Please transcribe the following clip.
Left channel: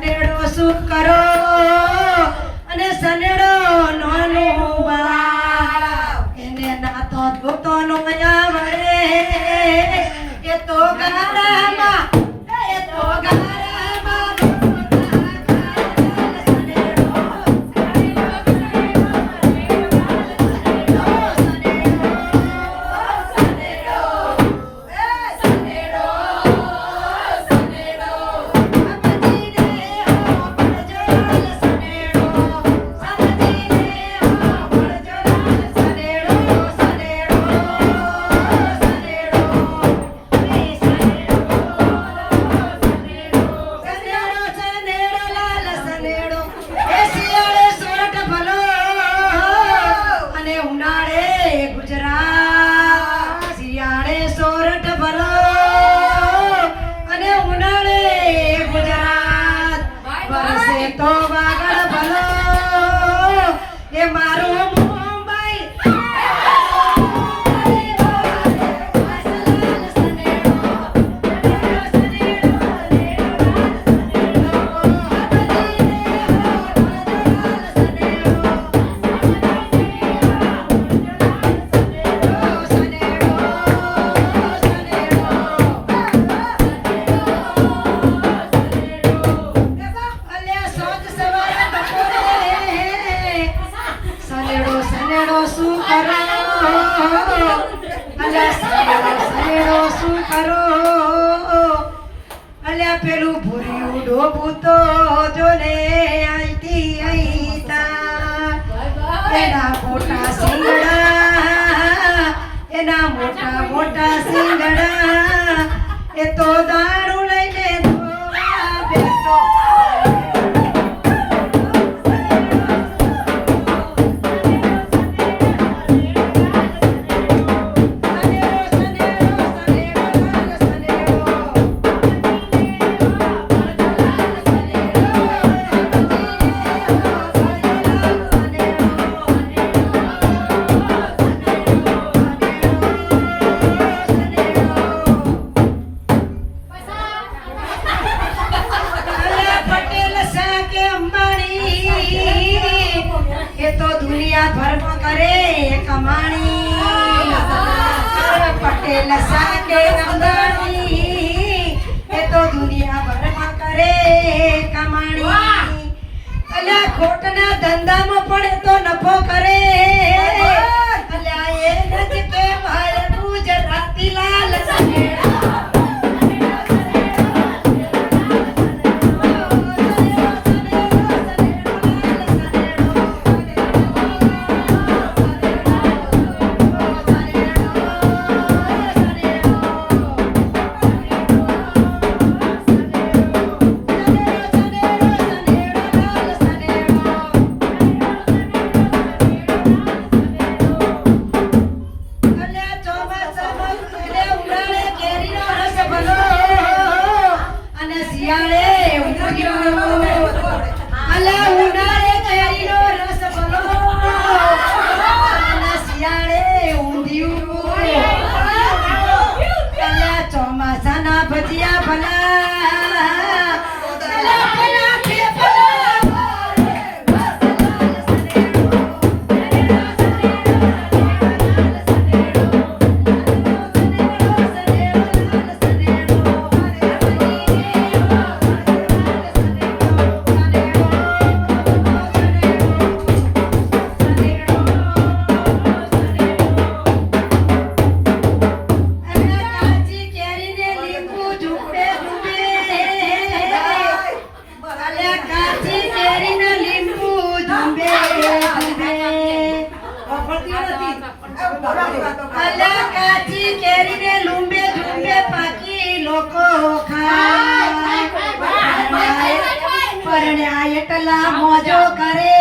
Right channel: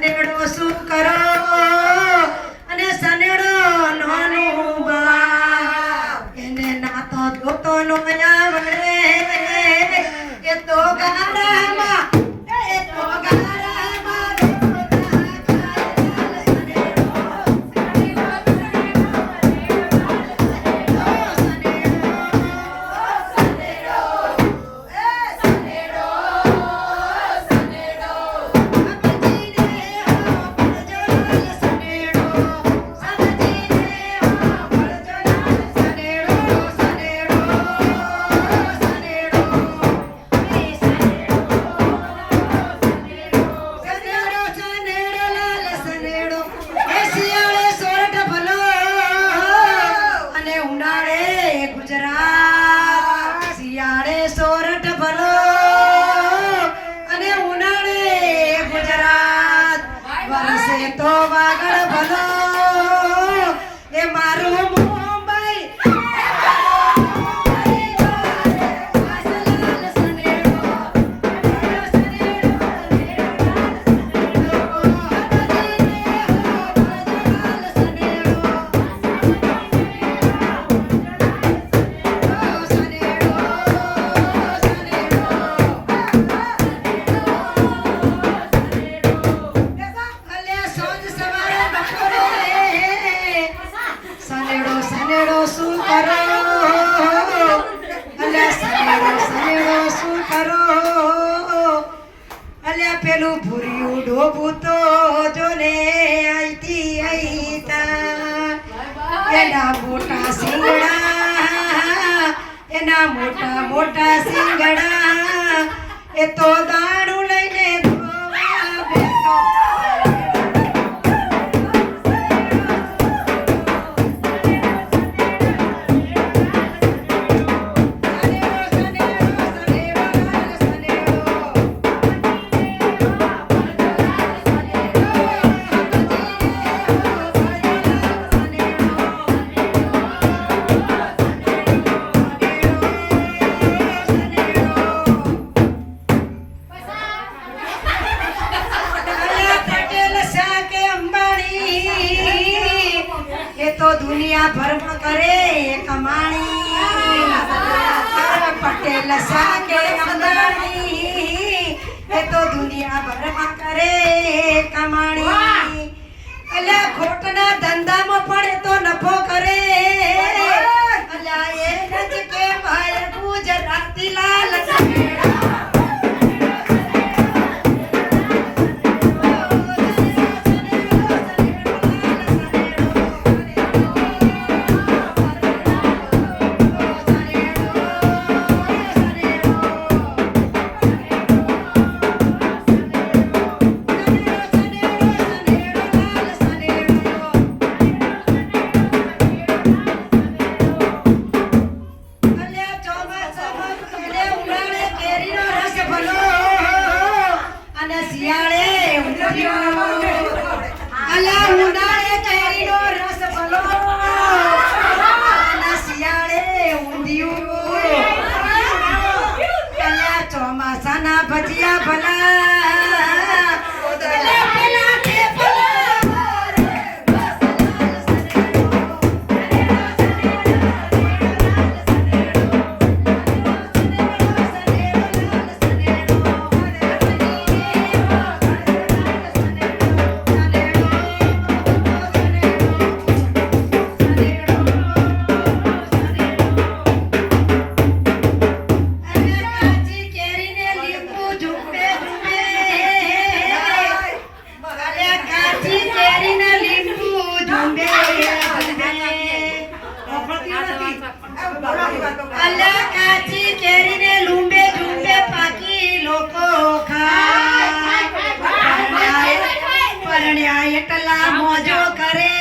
સનેડો શું કરો અને સનેડો નાનો બાળ એને ના તો જોતો નો આવે એ તો ગારામાં પેલું ભૂર્યું ડોબું તો જોને આઈતી આઈતા એના મોટા સિંગડા એ તો દારૂ લઈને ધોવા બેઠો तो दुनिया भर में करे कमाणी पटेल साके अंबानी ये तो दुनिया भर में करे कमाणी अले खोटना धंधा में पड़े तो नफो करे अले ये नज के भाई गुजराती लाल सनेड़ा અલા કાચી કેરીને લૂંબે ઝૂંબે પાકી લોકો ખાય પરણ્યા એટલા મોજો કરે